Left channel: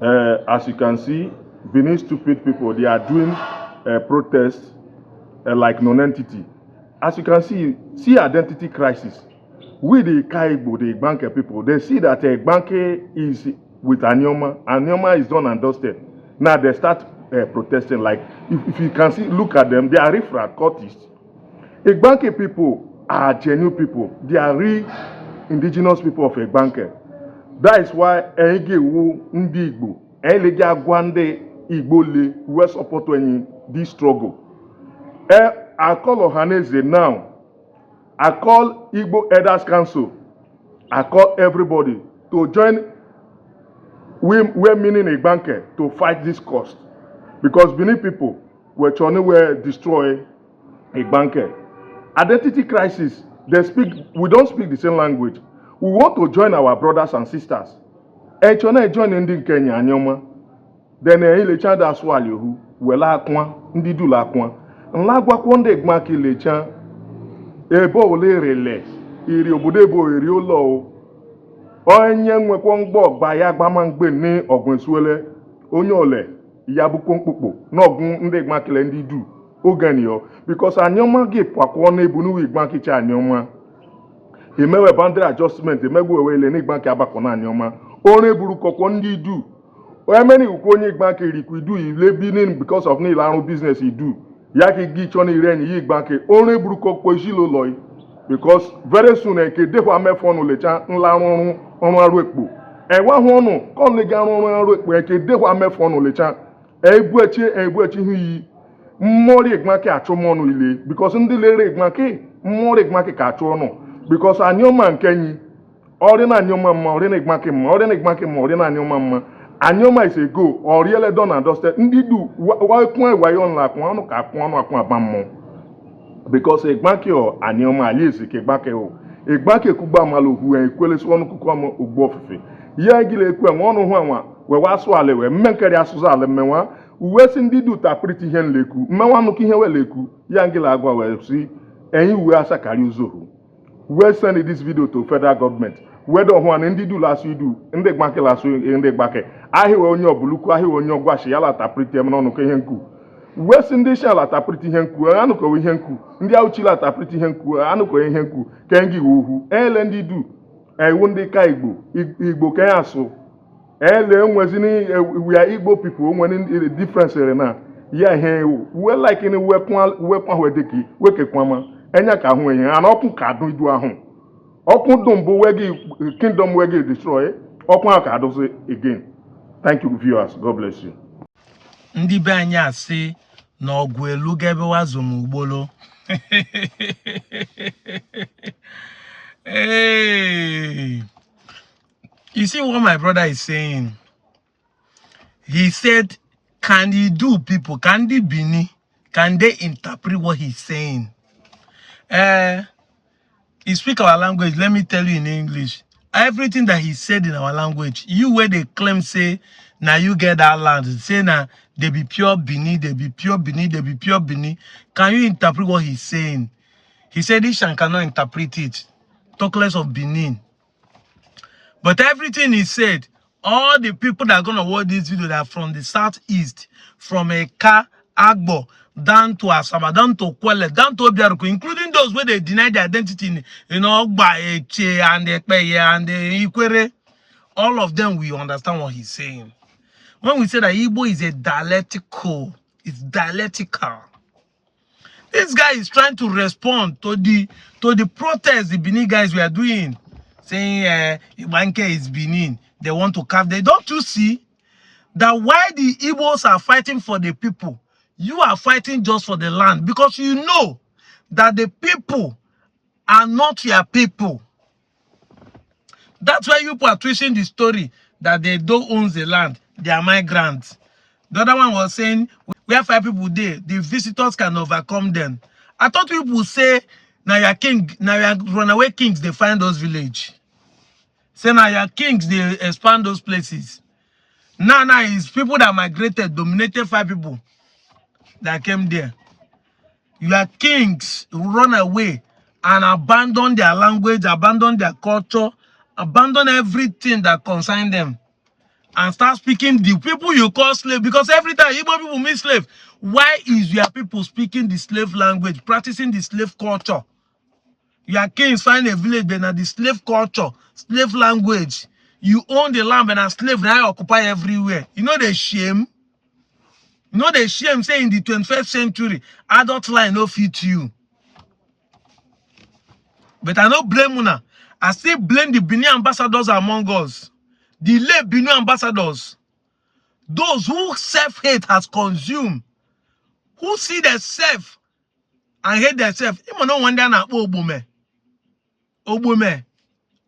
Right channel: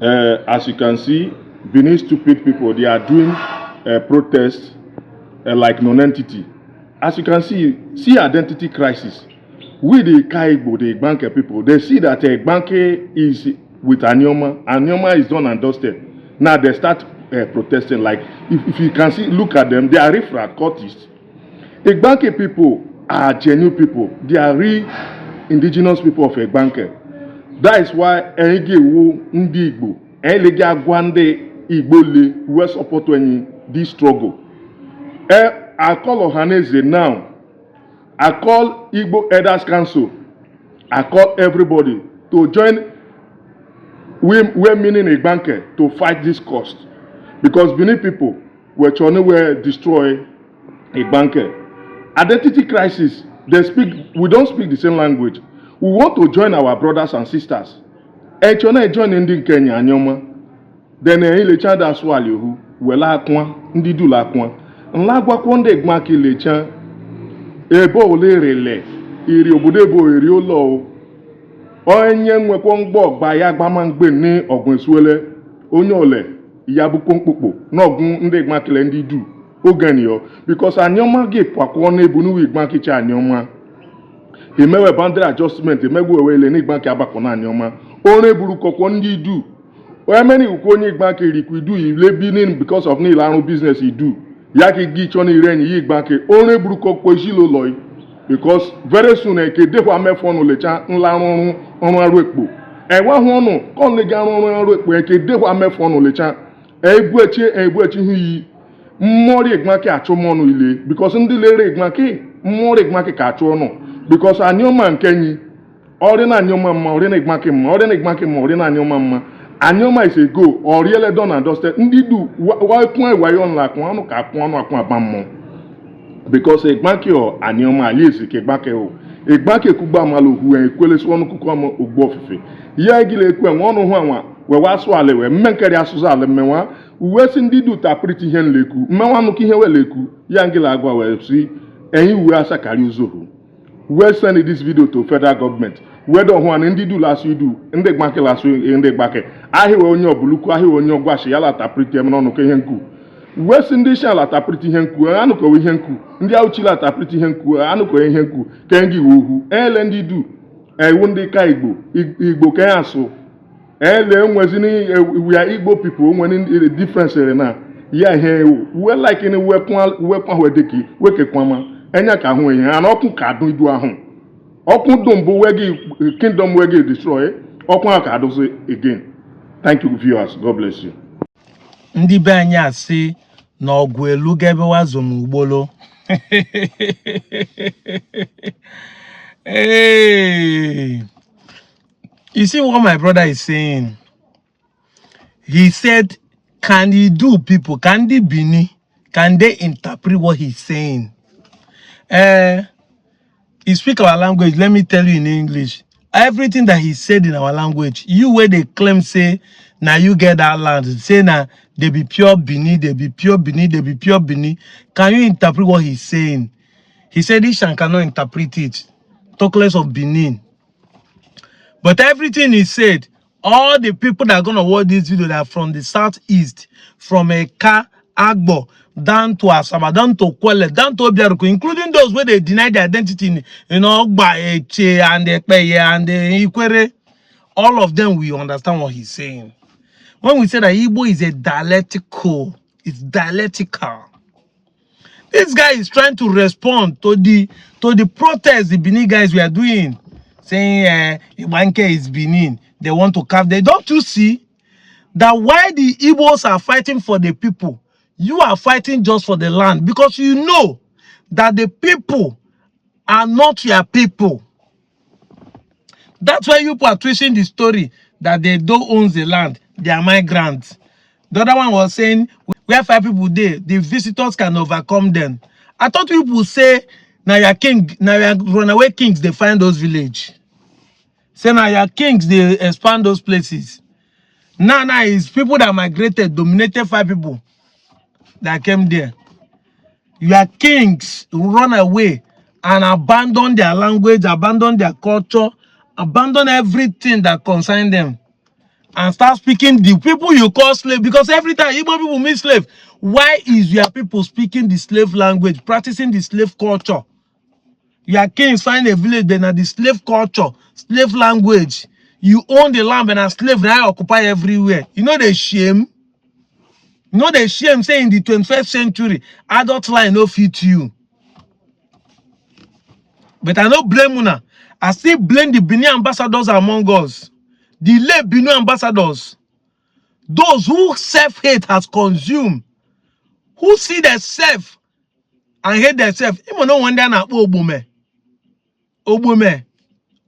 As you can see, Benin stupid people, they are doing protests like non-entity. As you can see identity crisis. We the Igbo, the Igbanke people, they see that Igbanke is with Anioma. Anioma is done and dusted. Now they start protesting. Like, if you can see, look at them, they are refrat cultists. Igbanke people are genuine people. They are real indigenous people of Igbanke. That is why Enge wo Ndi Igbo, Elege Agwande Igbo le, who support this struggle. I call Ohaneze now. I call Igbo Elders Council. I call everybody to join we're meaning Igbanke to fight this cost. Because Benin people were trying to destroy Igbanke. Identity crisis, we don't speak the same language. We want to join our brothers and sisters. And join in Kenya Anyoma. Then ile chanda swali hu wela akwa ndi dula akwa. Nla gwa kwonde Igbanke le chan ebo ole rele iri obodo ebo iri ụlọ onye nwekwa mgbọ gba ya gbamangbe ni ogun suele onye ole ya bukwo mkpukpo n'ogun ndị Igbankele ndị du oganiyo because Anyoma gị pakwo na ebu n'uwe Igbanke cha Anyoma emewe boundary adjustment emegbu ewele ni Igbanke abakọ na Anyoma ore buru kokwo ndị du emeni ukwu onye Igbanke rikwu du ile binin because of ni arụ business idu yaki gi choni ireni yi Igbanke ore buru kokwo isilo loy because very soon ke defa mefonu lecha nla run aru epo wa hunu kon le ga run aru epo ke defa mefonu lecha ebu echi hu yi mmori Igbanke achomonu ile because ndi lere Igbanke mmori Igbanke ka achono because Anyoma nkenyi ori na Anyoma mma ori na Igbanke mma ori na Igbanke mma ori na Anyoma mma Anyoma is a go or really done and dusted. Ndidu why point why on like one ka kwanu akwa abammo because Igbanke or Anyoma alizi ke Igbanke o Igbanke kuba maluhu en kwele so onu kuku am ogbo ofefe ya gile ekwe wonu hu anwa we waso ale we mmenkari asuza ale menwa uwe si ndidu ta pretty hen leku mmenwa nu ki hen we leku ya ngila agwa we si eyin uwe asakari uzohu we send this video to federal government whether one ndidu last you do ndị Igbanke last ndị Igbanke ahiwe onye obuluku ahiwe onye ogwashi yala tapriti em n'ọnụ ka ihe nku wesi ndị shala tapriti ihe nku anụkọ ihe nku ndị auchila tapriti ihe nku anụkọ ihe nku ka ngi wohu ele ndị du ewu ndị ka Igbo ka asụ ele nwezini we are Igbo people onwe difference na ya ihe we like ni we kwa wedeki wekekwama enya ka hu ihe ana ọkụ ka dụ idu ahụ ọkụ dum bụ wegi kingdom wegi destroy ọkụ aka adụzi again. Thank you, viewers. God bless you. Ndị be anyị asị na ọgwụ elu ga ebe wazom ugbolo. Hey. You see what my brother is saying? He said, can he do people? Can they Bini? Can they interpret what he's saying? He speak our language. Let me tell you in English. Everything that he said in our language, you where they claim say, now you get that land, say now they be pure Bini, they be pure Bini, they be pure Bini. Can you interpret what he's saying? He said Ishan cannot interpret it. Talk less of Benin. But everything he said, all the people that are gonna watch this video that are from the southeast, from Eka, Agbo, down to Asaba, down to Kwele, down to Obiaruku, including those where they deny their identity in Ogba, Eche, and Ekpeye, and Ikwere, all of them will understand what he's saying. When we say that Igbo is a dialectical, it's dialectical. This guy is trying to respond to the protest the Benin guys were doing, saying Igbanke is Benin. They want to carve. Don't you see that why the Igbos are fighting for the people? You are fighting just for the land because you know that the people are not your people. That's why you are twisting the story that they don't own the land. They are migrants. The other one was saying, where 5 people there, the visitors can overcome them. I thought people say, now your king, now your runaway kings, they find those villages. Say now your kings, they expand those places. Now it's people that migrated, dominated 5 people that came there. Your kings run away and abandon their language, abandon their culture, abandon everything that concerns them. and start speaking the people you call slave, because every time Igbo people meet slave, why is your people speaking the slave language, practicing the slave culture? Your kings find a village, but now the slave culture, slave language. You own the land and a slave now occupy everywhere. You know the shame? You know the shame saying in the 21st century, adult line no fit you. But I don't blame una. I still blame the Benin ambassadors among us. The late Benin ambassadors. Those who self-hate has consumed. Who see themselves and hate themselves. Even no wonder na Obume. Obume.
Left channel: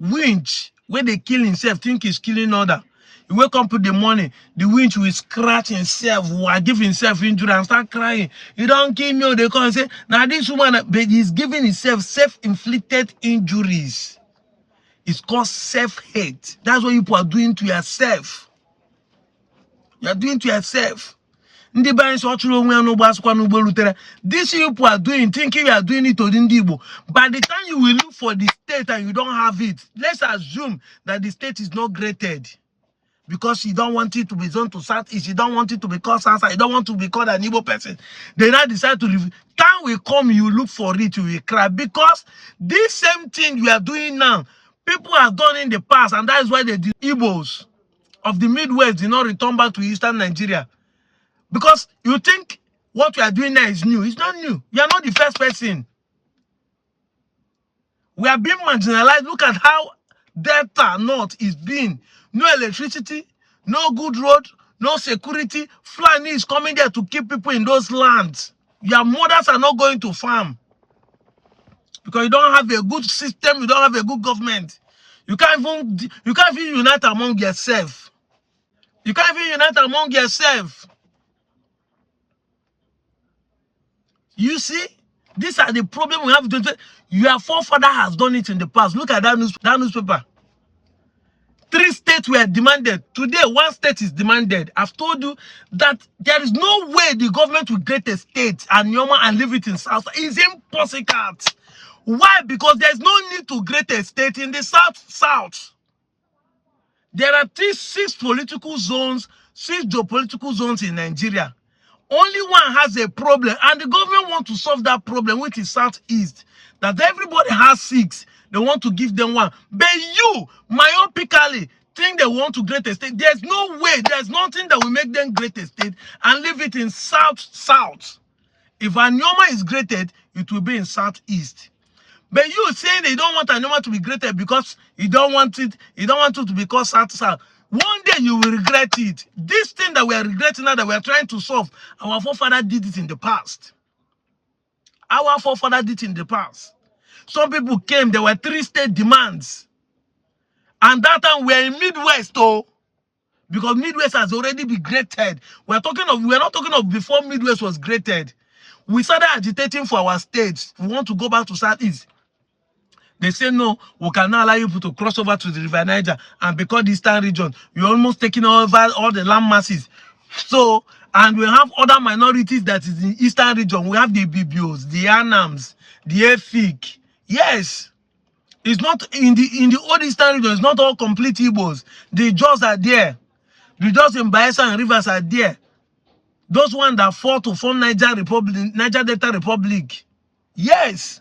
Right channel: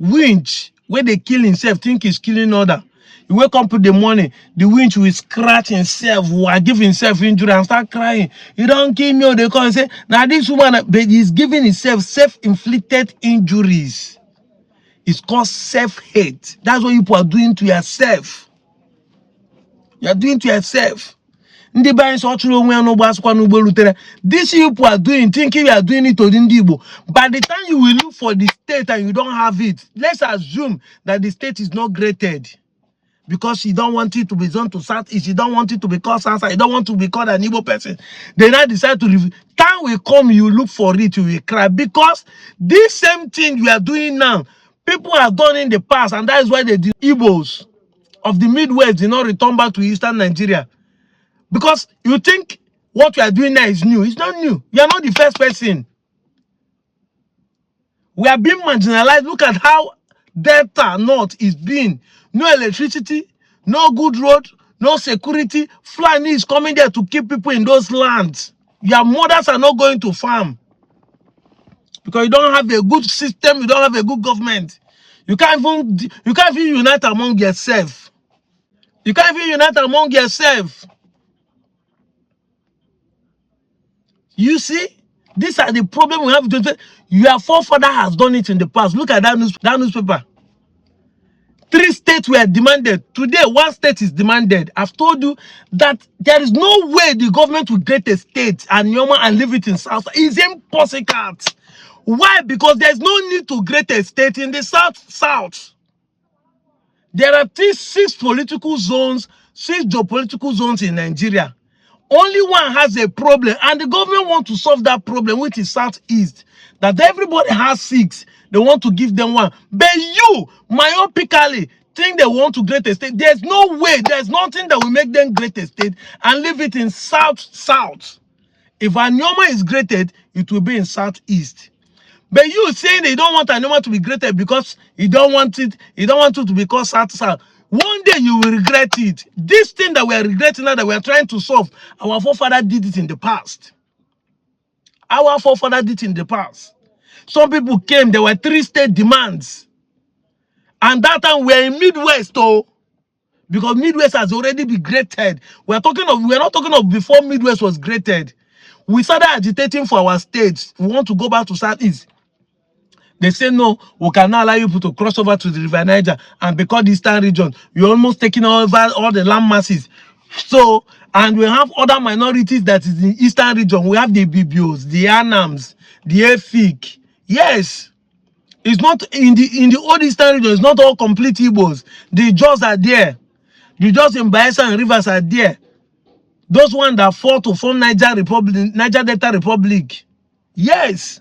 Winch. Where they kill himself, think he's killing other. You wake up in the morning, the winch will scratch himself, will give himself injury and start crying. You don't kill me, they come and say, now this woman, but he's giving himself self-inflicted injuries. It's called self-hate. That's what you are doing to yourself. You're doing to yourself. These people are doing, thinking you are doing it to the Igbo. By the time you will look for the state and you don't have it, let's assume that the state is not graded. Because you don't want it to be zoned to Southeast, you don't want it to be called Sansa, you don't want to be called an Igbo person. They now decide to review. Time will come, you look for it, you will cry. Because this same thing you are doing now, people have done in the past, and that is why the Igbos of the Midwest did not return back to Eastern Nigeria. Because you think what you are doing now is new. It's not new. You are not the first person. We are being marginalized. Look at how Delta North is being. No electricity, no good road, no security. Fulani is coming there to keep people in those lands. Your mothers are not going to farm. Because you don't have a good system, you don't have a good government. You can't even unite among yourself. You can't even unite among yourself. You see, these are the problems we have. Your forefather has done it in the past. Look at that newspaper. 3 states were demanded. Today, 1 state is demanded. I've told you that there is no way the government will create a state and leave it in South. It's impossible. Why? Because there's no need to create a state in the South. There are 6 political zones, 6 geopolitical zones in Nigeria. Only one has a problem, and the government wants to solve that problem, which is Southeast. That everybody has 6. They want to give them 1. But you, myopically, think they want to create a state. There's no way. There's nothing that will make them create a state and leave it in South. If Anyoma is created, it will be in Southeast. But you saying they don't want Anyoma to be created because you don't want it to be called South. One day you will regret it. This thing that we are regretting now, that we are trying to solve, our forefather did it in the past. Our forefather did it in the past. Some people came, there were 3 state demands. And that time we are in Midwest, though. Because Midwest has already been graded. We are not talking of before Midwest was graded. We started agitating for our states. We want to go back to Southeast. They say, no, we cannot allow you to cross over to the River Niger. And because the Eastern region, you're almost taking over all the land masses. So, and we have other minorities that is in Eastern region. We have the Bibios, the Anams, the Efik. Yes. It's not in the old Eastern region, it's not all complete Igbos. The Jaws are there. The Jaws in Bayelsa and Rivers are there. Those ones that fought to form Niger Delta Republic. Yes.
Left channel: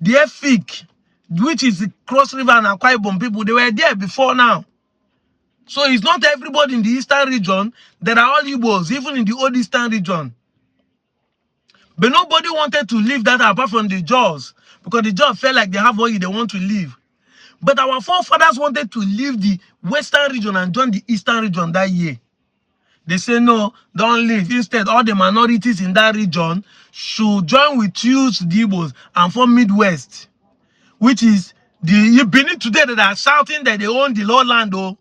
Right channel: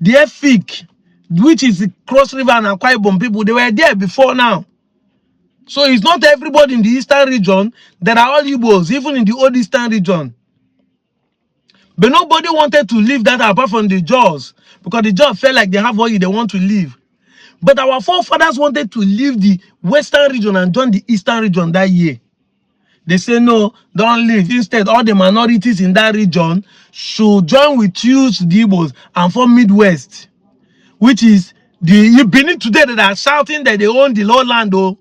The Efik, which is the Cross River and Akwa Ibom people, they were there before now. So it's not everybody in the Eastern region that are all Igbos, even in the old Eastern region. But nobody wanted to leave that apart from the Jaws, because the Jaws felt like they have what they want to leave. But our forefathers wanted to leave the Western region and join the Eastern region that year. They say, no, don't leave. Instead, all the minorities in that region should join with you, the Igbos, and form Midwest, which is the Benin today that are shouting that they own the lowland, though.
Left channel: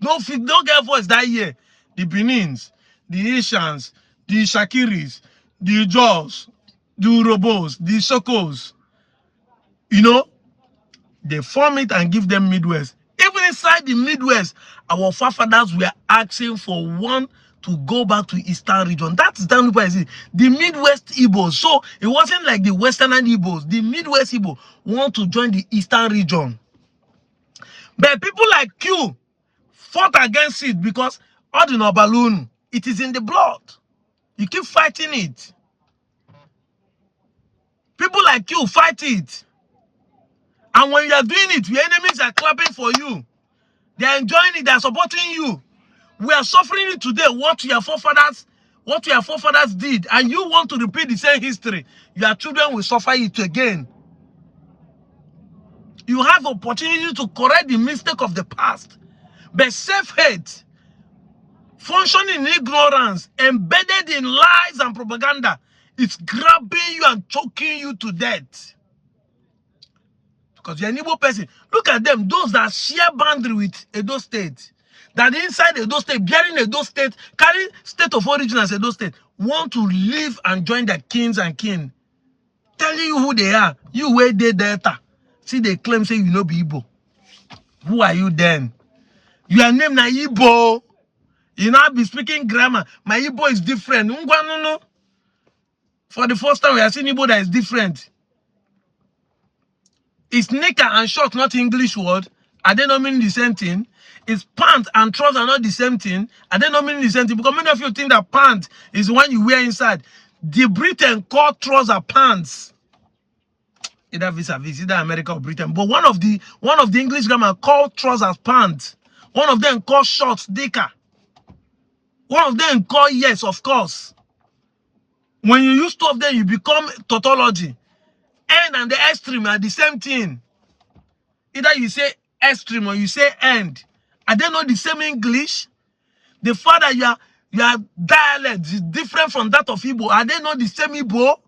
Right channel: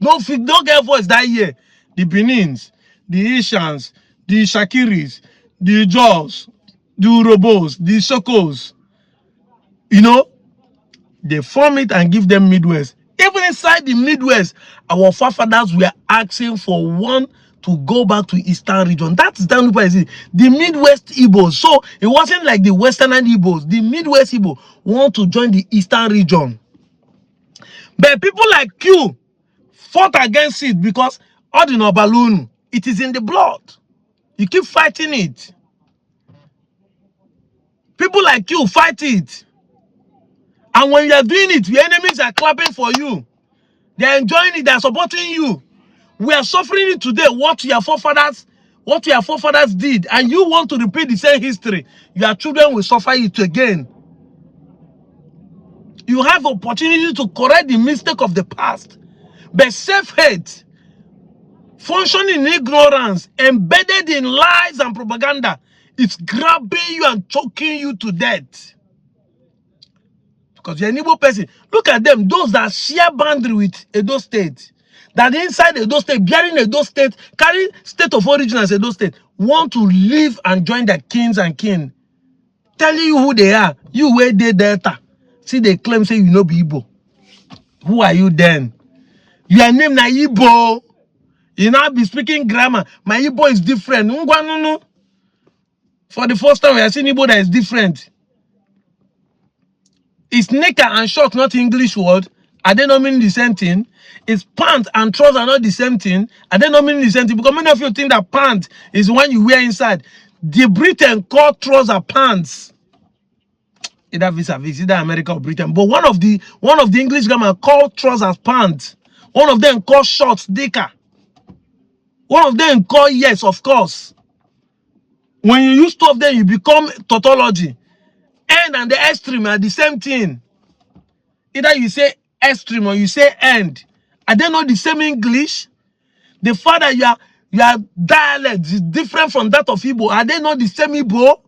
Don't get voice that year. The Benins, the Ishans, the Shakiris, the Jaws, the Urobos, the Sokos, you know, they form it and give them Midwest. Even inside the Midwest, our forefathers were asking for one to go back to Eastern region. That's the Midwest Igbos. So it wasn't like the Western Igbos. The Midwest Igbo want to join the Eastern region. But people like you fought against it because ordinary balloon, it is in the blood. You keep fighting it. People like you fight it. And when you are doing it, your enemies are clapping for you. They are enjoying it, they are supporting you. We are suffering it today, what your forefathers did, and you want to repeat the same history. Your children will suffer it again. You have opportunity to correct the mistake of the past. But self-hate, functioning in ignorance, embedded in lies and propaganda, it's grabbing you and choking you to death. Because you're an Igbo person. Look at them, those that share boundary with Edo State, that inside Edo State, bearing Edo State, carry state of origin as Edo State, want to live and join their kings and kin. Telling you who they are. You where they Delta. See, they claim, say, you know, be Igbo. Who are you then? Your name na Igbo. You now be speaking grammar. My Igbo is different. No. For the first time, we are seeing Igbo that is different. Is knicker and short not English word? Are they not meaning the same thing? Is pant and trouser not the same thing? Are they not meaning the same thing? Because many of you think that pant is the one you wear inside. The Britain call trouser pants. Either vis-a-vis, either America or Britain. But one of the English grammar call trousers pants. One of them call shorts dicker. One of them call yes, of course. When you use two of them, you become tautology. End and the extreme are the same thing. Either you say extreme or you say end. Are they not the same English? The fact that your dialect is different from that of Igbo, are they not the same Igbo?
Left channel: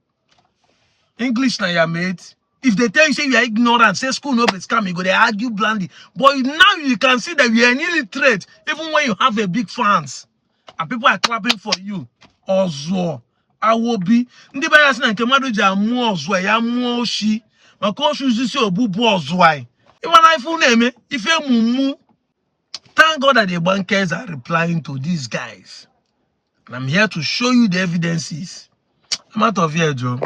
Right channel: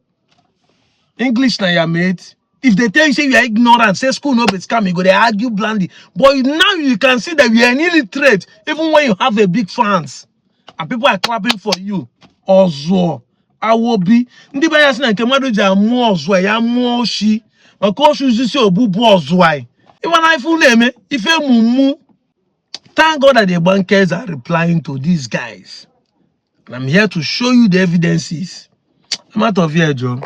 English na your mate. If they tell you say you are ignorant, say school no be scam, you go they argue blandly. But now you can see that you are an illiterate, even when you have a big fans. And people are clapping for you. Ozo. Awobi. Ndi ba ya sina nke madu ja mu ozo ya mu oshi. Maka oshi zisi obubu ozo ai. Even if you name if you mumu. Thank God that the bankers are replying to these guys. And I'm here to show you the evidences. I'm out of here, Joe.